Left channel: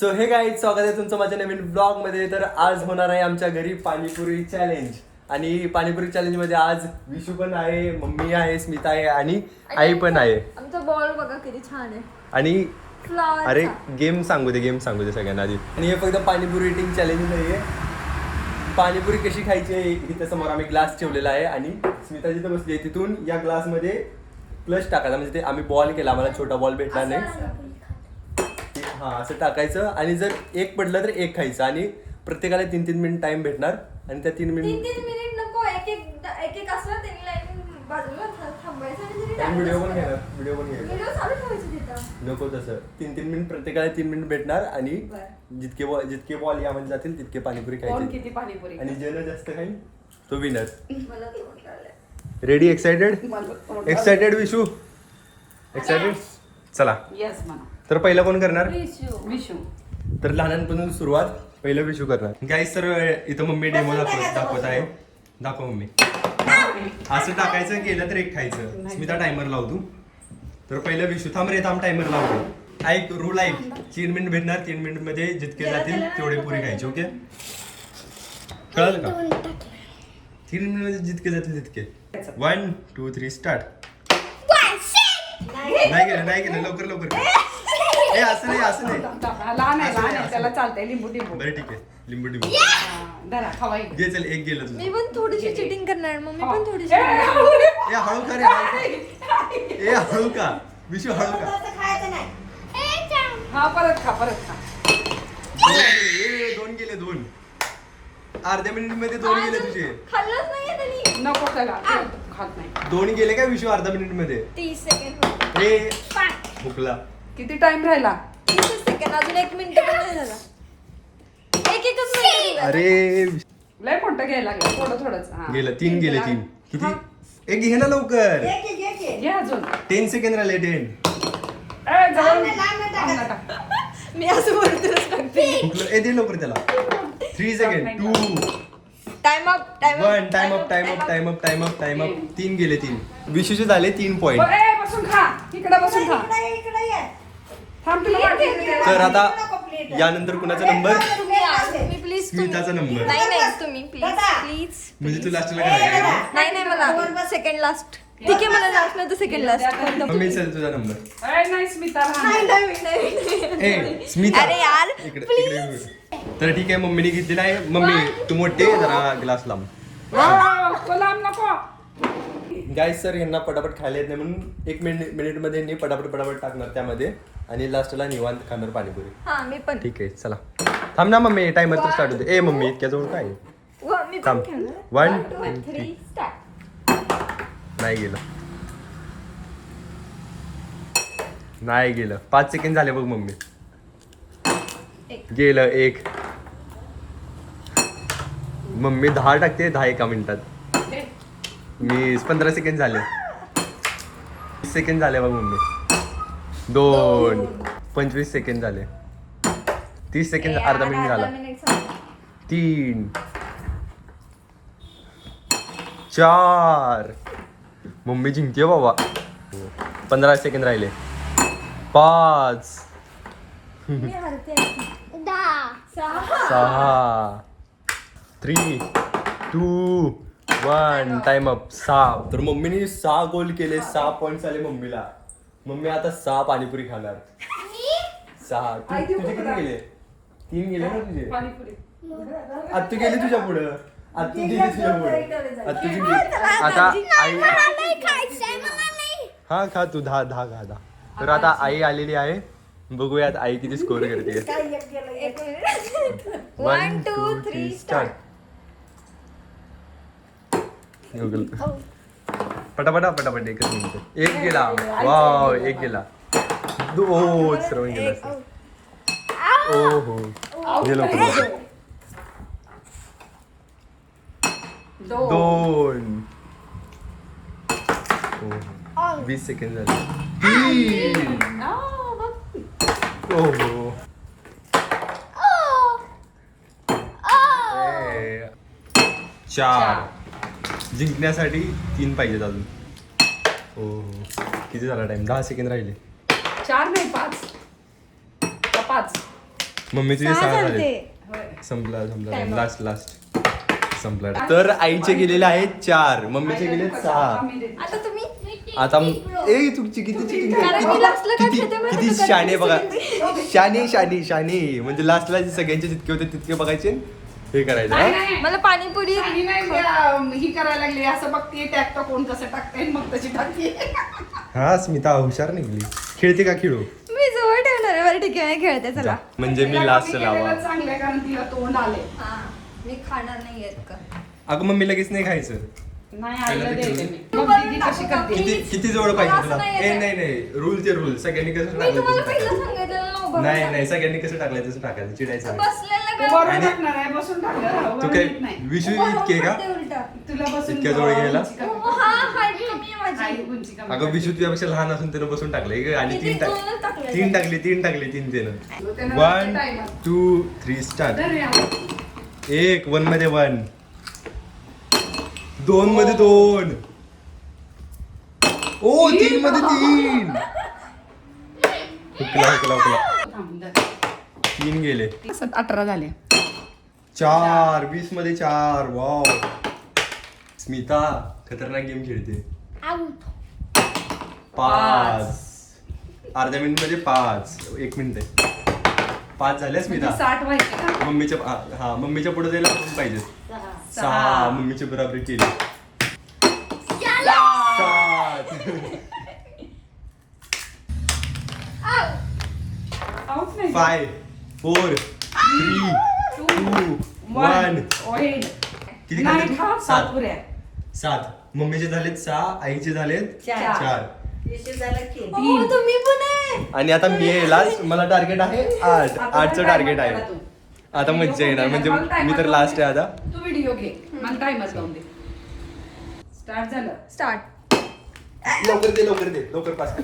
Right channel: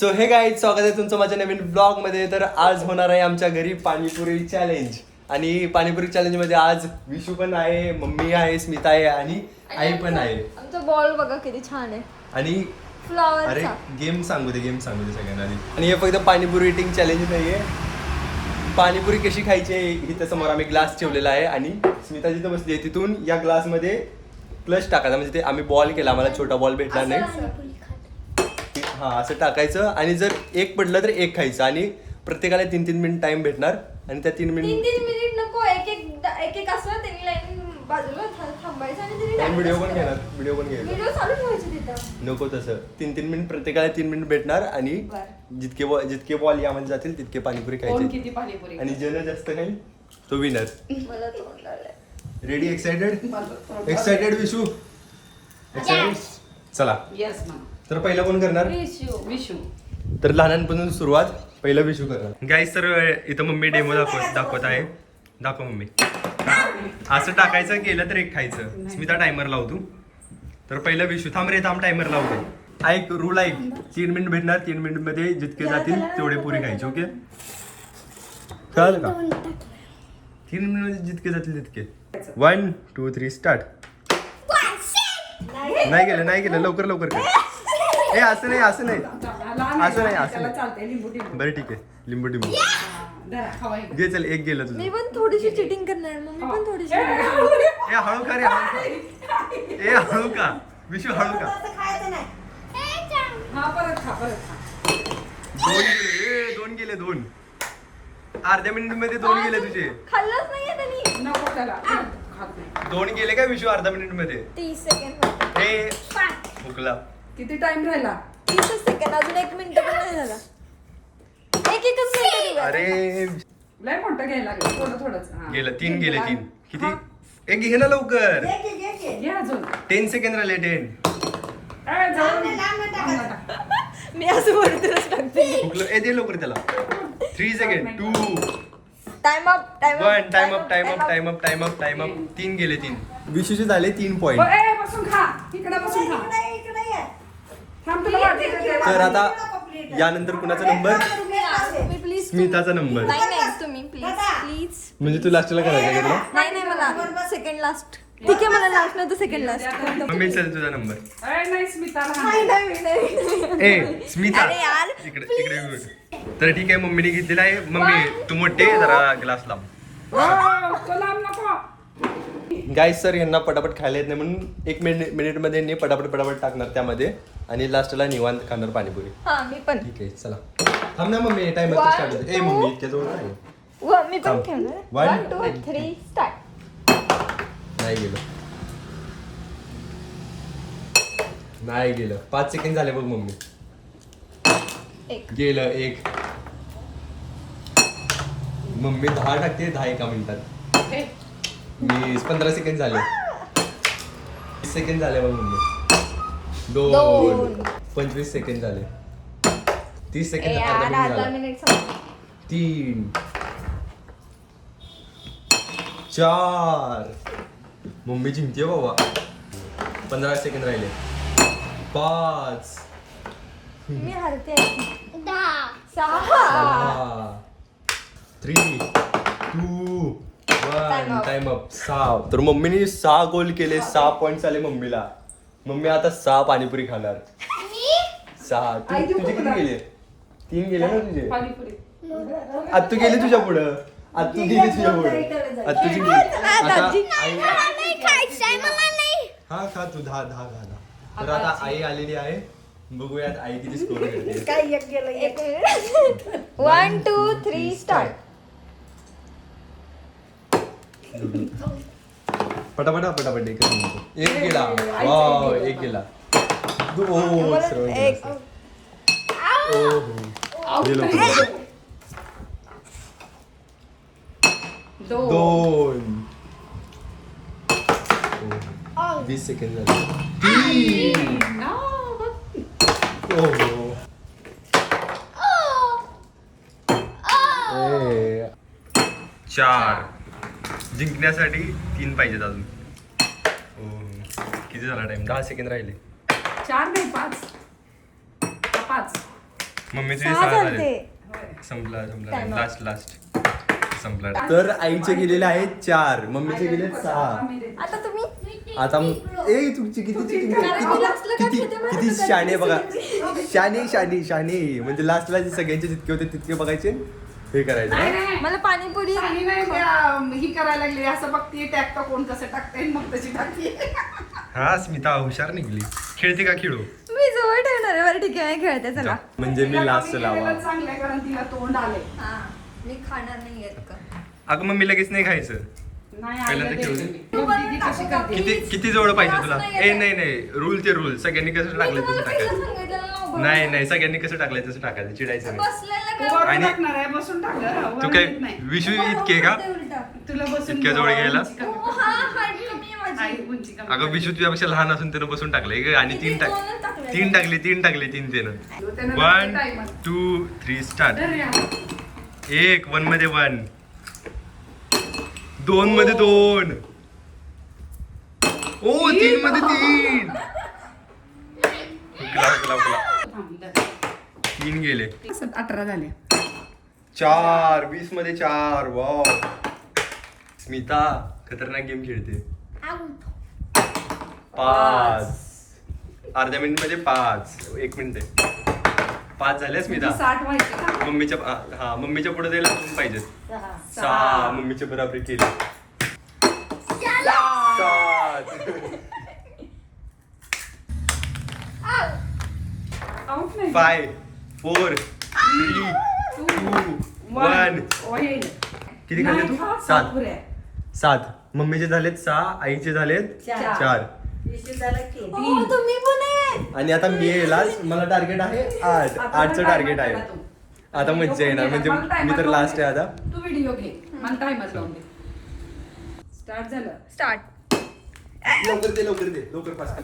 So हे guys, स्वागत आहे तुमचं माझ्या नवीन ब्लॉग मध्ये. तर आज होणार आहे आमच्या घरी पाणीपुरी चॅलेंज. आणि पाणीपुरी चॅलेंज मध्ये आज विशू पण आहे, मम्मी आहे, स्मिता आहे आणि आई पण आहे. आमचा बॉल बघा किती छान आहे. आणि फ्लॉवर. अरे गेम सांगू दे सगळ्यांना आधी. आणि हे फक्त पाणीपुरी इटिंग चॅलेंज नाहीये. पाणीपुरी कशी खायची आहे इथं समोर आम्ही ग्लास ठेवलेला आहे आणि स्मिता जिथं बसली आहे तिथून या ग्लास मध्ये क्लच टाकायचा. म्हणजे ते आम्ही बॉल केला, आम्हाला छोटा बॉल भेटला नाही. हा असं टाकायचं आणि जर एक पडलं तर एक खायचं. आणि प्रत्येकाला 3-3 मिनिट टाइम भेटणार आणि त्या 3 मिनिट 3 मिनिट नको, एक असं त्यांनी लाईन बाजूला थांबायचं आणि व्हिडिओ पण घ्यायचा. व्हिडिओ चालू ठेवायचं तिथं. नको तसं. 3-3 मिनिट प्रत्येकाला 3 मिनिट भेटणार आणि जितके बॉल यामध्ये जातील तितके पाणीपुरी खायची. किती पाणीपुरी आणि ज्यानं जास्त खाईल तो विनर. मला तोंड लागलंय. रेडी? एक्साइटेड विशू? एक्साइटेड? चला. येस म्हणा. तर पहिलं कोण करणार? विशू. तर लहानांपासून सुरुवात. पहिलं विशू करणार. गाईस, तर इथं मम्मी डेमो दाखवत आहे. दाखव मम्मी. असं टाकायचं, केलं तर एक खायचं. स्मिता टायमर लावतो. तर पहिलं विशू. थांब टायमर लावतो. ऐक रूल ऐक. 3 मिनिट भेटणार. 3 मिनिट मध्ये जितके जातील तेवढे पुरी खायचे. ओके, कळलं का? 3 मिनिट मध्ये जितके जातील तितके. 1 2 3 स्टार्ट. नाही केलं लवकर कर. ए असं नाही लहान आहे, असं नाही, लहान आहे, असं त्याला नाही. चालतंय. लिंबू टिंबू. बरं ठीक आहे. लिंबू धरा, खवाई. घे. चल, एक गेलं तुझं. मी पण थोडीशी चिटिंग करणार. मम्मी पण थोडीशी. ए हळू का रे, ए हळू का विशू, हळू का. हा, परत खा. 2 गेले. 2 अर्ध्या मिनिट मध्ये 2 गेले तुझे. खाल्लंच नाहीये त्यांनी. नको त्याला, खात नाही. 2 गेले काय विशू अर्धा मिनिट मध्ये? 30 सेकंड. ए भुकला. किती टाइम राहिला? 30 सेकंड. अजून 1 मिनिट पण नाही झाला. एकच मिनिट. अरे लय मोठं घ्यायला लागलं. थोडंच. हा. गेलं. 3 गेले. 3 किती? एक घे ना लवकर. घे अजून. 10 सेकंड राहिले. 10. ए, जाऊन आमला टाक. मी असं बोलतेच बघते. भुकलं. ए दे लवकर त्याला. 3 second. 2 time up. 1 time up. 3 गेले. 3 विशूचे झाले 3 पॉइंट. ए, बसून खा. इकडे बसून खा. थांब, तुला वाटलं ते. तर आता यानंतर कुणाचा नंबर? तुम्ही प्लीज. स्मिताचा नंबर. नाही तुम्ही प्लीज. म्हणजे तू लास्टला करायचं का? नाही मला सेकंड लास्ट. ठीक आहे, मला लास्ट नाही तर सेकंड लास्ट. मम्मी चल तुझा नंबर. ए, नाही स्मिता लहान आहे. ए स्मिता, अरे यार, इकडे बघ. तर ठीक आहे, मम्मीने घेतलेला आहे. मम्मी तू मोठे जरा ग्लास लांब. वाव, तो लांब नको. गाईस, सर यांना पटापट खायला येत नाही म्हणून 1 मिनिट मध्ये यांनी पटापट टाकणार त्यामध्ये आणि लास्टला निवांत खाणार पाणीपुरी. हा मी पण. ठीक आहे, चला. थांब ना मम्मी, टाइमर तर स्टार्ट होते. ए मम्मी इतक्या जवळ काय? मी पण थांब. खेळणार. 1 2 3 स्टार्ट. नाही गेलं. 5 सेकंड झाले बघ मम्मी. गेलं. 1. मम्मी 10 टाकते. 10 एका मिनिटात. मी 15 सेकंड झाले. 20 सेकंड झाले बघ मम्मी. 2 25 सेकंड झाले. 30 सेकंड. अर्धा मिनिट झाला. 3 4 मम्मी जिंकते बाबा. 15 सेकंड राहिले. 5 मी हरते. 6 3 2 1 टाइम अप. 6. तर मम्मीने 6 गोल केले. 6 पॉइंट आले मम्मीला. मम्मी आता 6 पाणीपुरी खाणार. 6. तुझे किती गेले? 3 गेले ना तुझे. पाणीपुरी. आत्तू गेले तुझ्या पुढं. आत्तू गेली तुझ्या पुढं. आत्तूची आता आई. हा खा तू. 10 खा. तर आता आई आलेली आहे. बघूयात आई किती स्कोर करते. 1 2 3 स्टार्ट. पटापट एकच मिनिट. 1 गेला. वाव, 1 गेला. श्रवण गेला. ओहो, गेलो. 2 20 सेकंड झाले. 3 ओहो. 4 जिंकण्यासाठी 3 पाहिजेत अजून. किती झाला टाइम? 10 सेकंड राहिले. 4 नाही 5. 5 मम्मी तुझे 6 झाले होय. संपला Time लास्ट संपला तर आईचे गेलेले आहेत 4 मम्मीचे गेले 6 आम्ही देतो. आता तुम्ही आता तुमची किती cheating कारण मी last ला काय खेळते माहिती किती का? शाणे बघा शाणे म्हणजे लास्टला सगळ्यांचे जितके होते तितके बघायचे हे करायचं नाही, ना नाही. मला पाणीपुरी आणि नाही, ही करायला लागली असं बघतीये टाकतो कोण कसं टाकते मग तशी टाकते. हा स्मिता हुशार निघली खेळते का खेळू मी जवळ ठेवणार आहे. बरं ठीक आहे खेळते चला. म्हणजे मी लास्ट लावा चांगलं आहे, कारण तिला तोंड आले. हा मी खाणार नाही येत का. अगं मम्मी लगेच नाही खायचं नाही पहिला आईला ते द्यायचं खेळू. मी. तू बघ दीदी बनवून कशी टाकू का? करते. किती जवळ पाहिजे मला तुला असं नाही ए येत. नाही रूलचे रूल सगळ्यांनी कसं मी टाकलं तुम्हाला तसं पहिलं टाकायचं सांगितलेलं ना उभं नाही राहा. नाही सगळ्यांनी कसं टाकलं तसं टाकायचं चिडायचं नाही. बसलेलं तू काय? बरोबर आणि- टाकणार आहे, बसून टाकलं. तू वर काय येत नाही. विशू उभं इतके का राहून ते उलटं. तुला बसून इतक्या जवळ गेला? हा हाईट कमी आहे माझी. आई उंची कमी. अगं विशू तुझ्यापेक्षा लहान असून त्यानं बसून टाकलंय आणि किती? 3 दोनच टाकले. तीन टाकले त्यानं त्यानं 1 timer. 2 3 स्टार्ट धर या. 1 1 मध्ये 1 2 मध्ये 2 ओ 3 मध्ये 3 थांब, धर. 3 गेले 18 झाले. 4 20 मध्ये 4 वाव स्मिता खतरनाक गेम खेळते 5 अर्ध्या मिनिट मध्ये 5 1 मिनिट 5 झाले स्मिता 60 व्हायचे का? मम्मीच्या पुढे जायला आपण पाहिजे 6 मम्मीची बराबरी केली Out नाही. 5 4 3 2 1 होईल. किती खाल्ले नाही तू खा, 7 पुऱ्या. 7 मम्मीचे झालेत 6 आईचे झालेत 4 हो, तुम्ही पण आहे. आणि आता मी लास्ट मला टार्गेट आहे 8 8चं टार्गेट आहे आता मज्जा येणार म्हणजे मी तर लास्ट आहे आता तू व्हिडिओ घे मला टाइमर लावून दे. स्टार्ट झालं. स्टार्ट. लवकर दे लवकर पास कर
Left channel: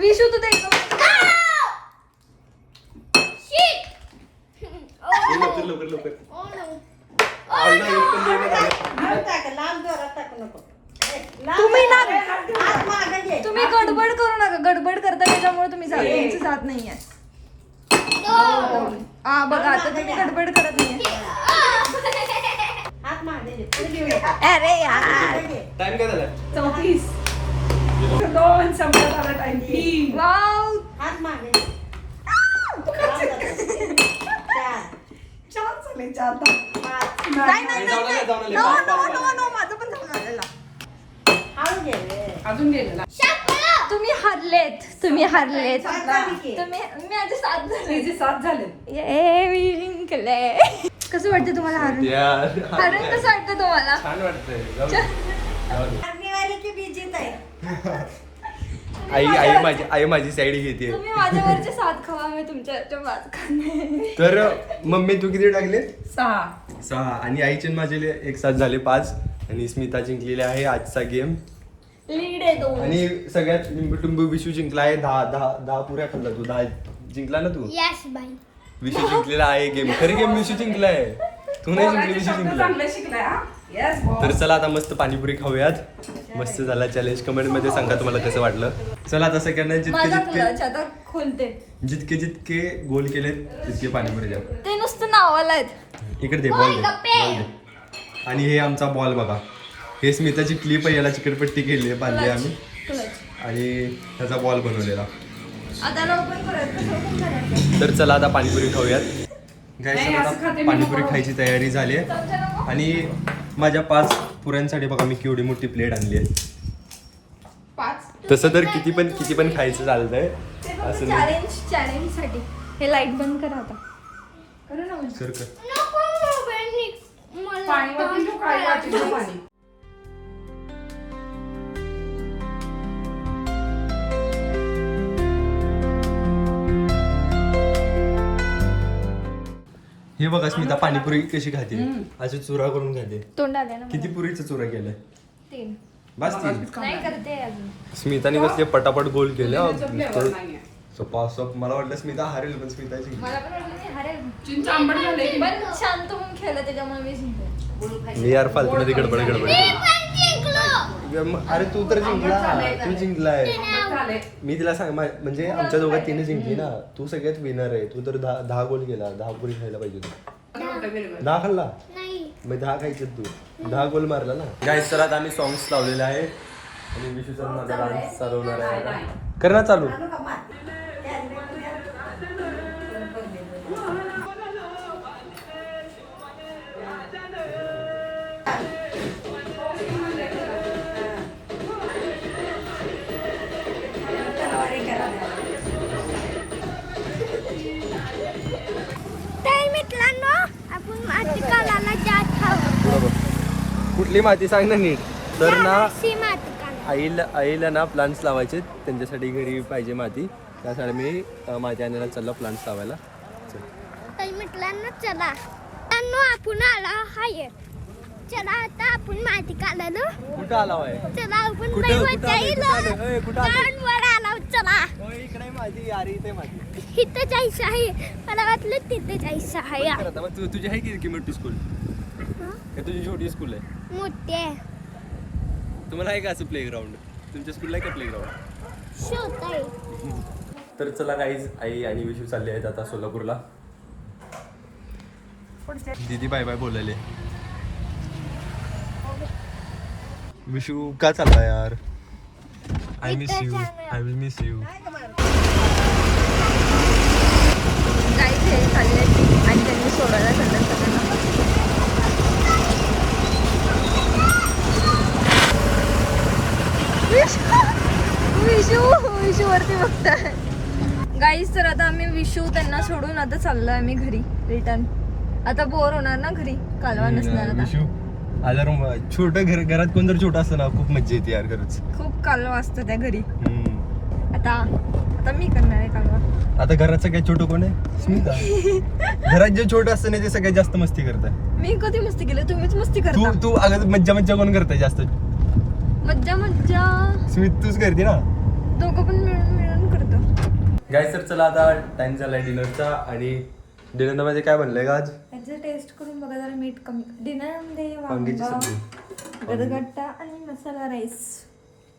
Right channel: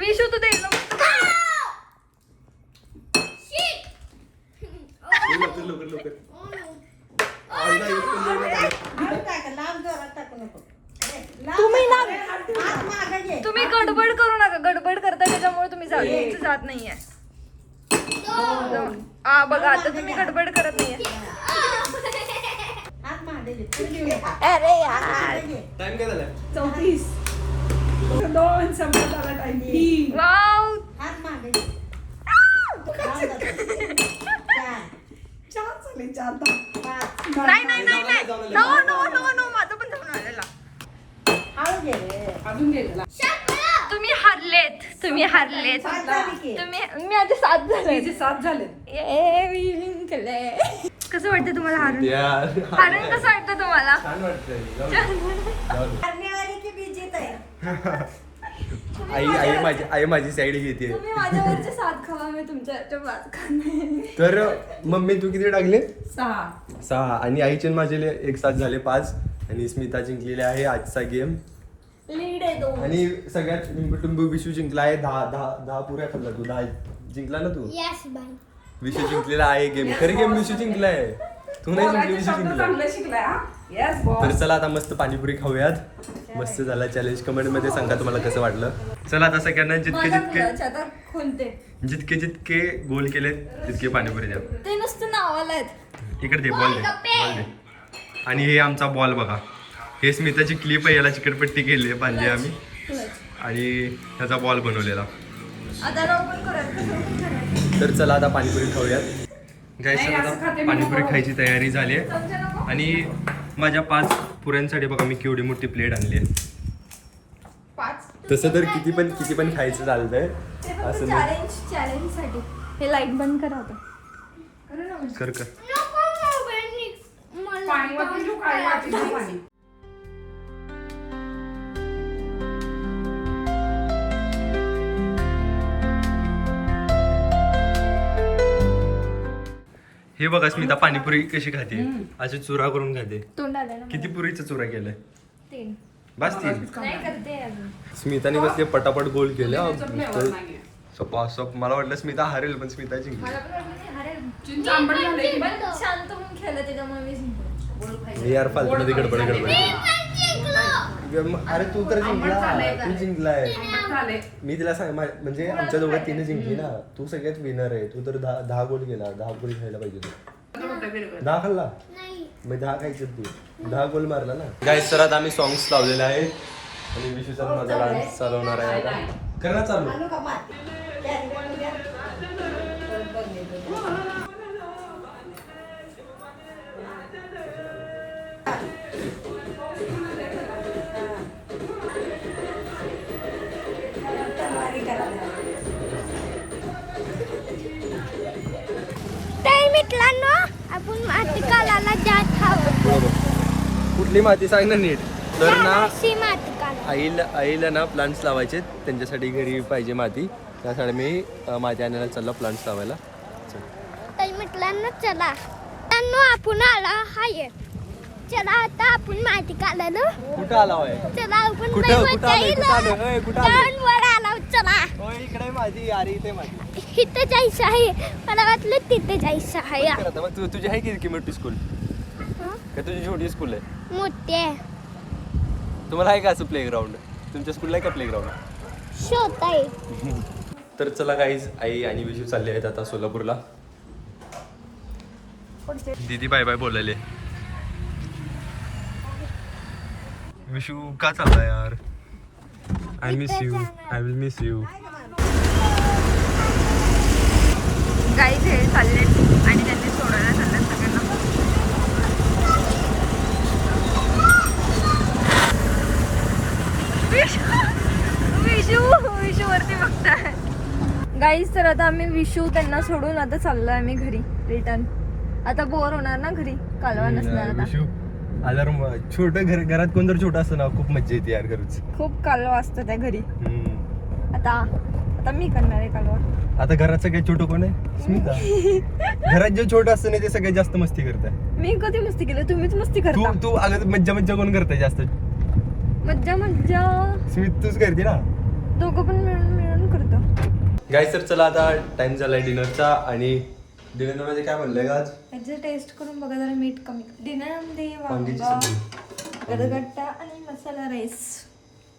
विशू तू ते लवकर आईला एक पण देणं झालं. तुम्ही गडबड करू नका. गडबड करता त्याच्यामुळे तुम्ही जात नाहीये. हा बघा आता तुम्ही गडबड करत नाहीये. अरे यार. टाइम काय झाला 34. दोन संपला झाला टाइम. 3. वाव. चार झाले, चार. नाही. जाऊ दे, जाऊ दे. No, पाच, no, पाच, no, पाच. no, माझं पण जाऊन आलेलं. अजून गेलेला. तुम्ही हरलेत. तुम्ही माझे 7 झाले. तिचे 7 झाले. मी जिंकले. कसं वाटतं तुम्हाला हारून? यार हारून कसं वाटतं तुम्हाला? छान वाटतंय जाऊ दे. आई माझी साईड घेते तुम्ही माझ्यावरचे 7 खावा मी तुमच्यावरचे 5 खाणार. तर मम्मी तू किती टाकले 6. 6 आणि आईचे आणि माझे एक साथ झाले 5 आणि स्मिता जिंकलेली आहे आजचा गेम लीड आहे 2. आणि सगळ्यात लिंबू विशू जिंकला आहे 10 पुऱ्या खाल्ला तू 10 जिंकला ना तू विशू जिंकलेला आहे गेम खरी गेम विशू जिंकलाय तू नाही जिंकली विशू जिंकलाय चांगलं शिकलाय हा. Yes, boss. तर चला आता मस्त पाणीपुरी खाऊयात मस्त झाला चॅलेंज कमेंट मध्ये सांगा तुम्हाला कसं वाटलं चला आता सगळ्यांना माझा क्लच आता खोलते. जितके गोल केले तितके पाणीपुरी द्या ते नुसतं नावाला आहेत. इकडे दे बॉल दे आणि हे आमचा बॉल बघा हे स्मिताची क्लिप आहे याला चिकटपट्टी केली आहे बांधली आम्ही क्लच. आणि त्याचा बॉल बनवलेला आता लवकर करूयात. तर चला आता पाणीपुरी खाऊयात नाही, असं गाईस खाते मी पाणीपुरी नको. खायची तयारी झाली आहे चमचा नको? आणि माझ्या 5 पुऱ्यांसाठी बघा मी केवढी मोठी प्लेट आणली आहे 5. तसं तर किती पण खायचं चालतंय असं नाही चॅलेंज साठी. हे लाईट बंद करा आता. करू ना. कर पाणी वाटून ठेव, काय वाटून ठेव पाणी. हे बघा स्मिता पाणीपुरी कशी खाते हम्म. अशी चुरा करून खाते तोंड आलं ना किती पुरीचा चुरा केलाय 3. बस 3 नाही करते अजून. स्मिताने कसले पटापट गोल केले पुदिन्याचा flavor नाहीये. सप मला वाटलं स्मिता हारेल पण स्मिता जिंकली मला पण वाटलं मी हरेल. चिंच आंबट झालंय की पण शांत होऊन खेळलं त्याच्यामुळे मी जिंकले. मी यार फालतू मध्ये गडबड अरे तू तर जिंकला, तू जिंकलाय. झाले. मी तिला सांग म्हणजे आमच्या दोघात तिने जिंकली ना. तू सगळ्यात विनर आहे. तू तर 10 गोल केला. 10 पुरी खायला पाहिजे तू. 10 खाल्ला मग 10 खायचे तू. 10 गोल मारला ना. गाईस तर आता आम्ही सॉंग्स लावलेले आहेत आणि विशूचा माझा डान्स चालवणार आहे आता. कर ना चालू. आपण माती कालाला जात खावं. बरोबर. कुठली माती सांग ना नीट. तर ना माती काला आईला ना प्लांट्स लावायचे. त्यांच्यासाठी घरी पाहिजे माती. त्यासाठी मी माती आणायला चाललो प्लांट्स लावायला. चल. ताई मित्रांनो चला आपण आला हाय. चला आता आपण माती काढायला. कुठं आला होय? चला आपण कुठं- लई कुठं मजा आलोय? येईल. कुठं आलोय? होय, कुठं आलोय? जाऊन वर आला चला. होय, इकडे माझी अरे इथे माझी. इथं जायचं आहे. मला वाटलं तिथे जायचं आहे. मग तुझी आहे की मोठी स्कूल का तुझी छोटी स्कूल आहे? मोठे तुम्हाला आहे का असं प्लेग्राऊंड? तुमच्या स्कूलला आहे का प्लेग्राऊंड? शोध आहे. तर चला गाईज आई आणि विशू चालले आहेत आता सोलापूरला. दीदी बाय बाय बोलायले. विशू का चालला यार? I miss you. I will miss you. Guys हे चालले आणि त्यांनी सोडायला जातात सगळ्यांना. विशू वरती बघताय. गाईज तर आता आम्ही विशू त्यांना सोडून आता चाललोय आम्ही घरी रिटर्न. आता बोर होणार ना घरी, कालवा नसणार आता. विशू अलार्म छोटं घरात कोण जर छोटं असतं ना खूप मज्जा येते यार खरंच. खूप कालवा असतं त्या घरी. आता मी करणार आहे कालवा. आता घरात सगळ्यात छोटं कोण आहे? स्मिता. घरात जे छोटं असतं ना ते सगळ्यात जास्त मस्ती करतात. मी कधी मस्ती केली? तुम्हीच मस्ती तू करता. तू अगं मज्जा कोण करते जास्त? मज्जा मज्जा स्मित तूच करते ना. दोघं पण मिळून करतो. गाईस तर चला आता टाइम झालाय डिनरचा. आणि डिनर मध्ये काय बनलंय का आज? त्याचं टेस्ट करून बघा जरा मीठ कमी. डिनरमध्ये वांग्याची सब्जी. गरगट्टा आणि मसाला राईस.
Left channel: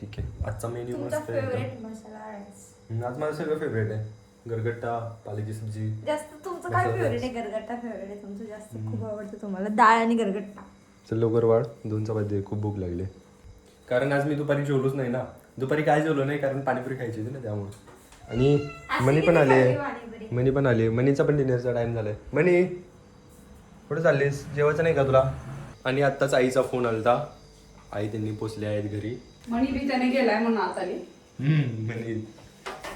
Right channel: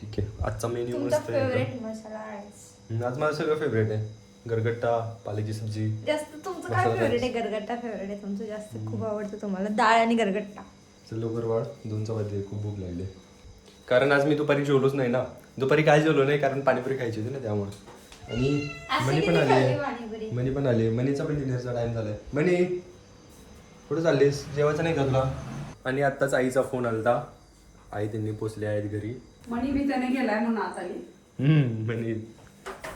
ठीक आहे. आजचा मेन्यू तुमचा मस्त आहे फेवरेट मसाला राईस. आज माझं सगळं फेवरेट आहे. गरगट्टा, पाल्याची सब्जी. जास्त तुमचं काय मसाला फेवरेट आहे? गरगट्टा फेवरेट आहे तुमचं जास्त. खूप आवडतं तुम्हाला डाळ आणि गरगट्टा. चल लवकर वाढ. 2 चपाती. खूप भूक लागली. कारण आज मी दुपारी जेवलोच नाही ना. दुपारी काय जेवलो नाही कारण पाणीपुरी खायची होती ना त्यामुळे. आणि मनी पण आली. मनीचा पण डिनरचा टाइम झालाय. मनी कुठे चाललीस? जेवायचं नाही का तुला? आणि आत्ताच आईचा फोन आलता. आई त्यांनी पोचले आहेत घरी. मणी बी त्याने गेलाय म्हणून आता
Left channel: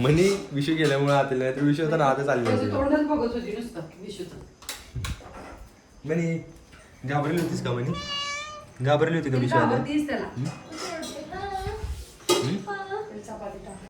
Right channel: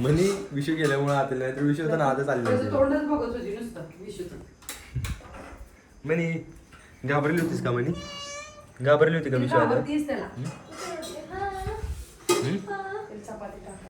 मनी विषय गेल्यामुळे आता नाही तर विषय होता ना आता चालले होते. तोंडच बघत होती नुसतं विशूचं. मनी घाबरली होतीस का? मनी घाबरली होती का विषय? आवडतीच त्याला. हम्म? चपाती टाक.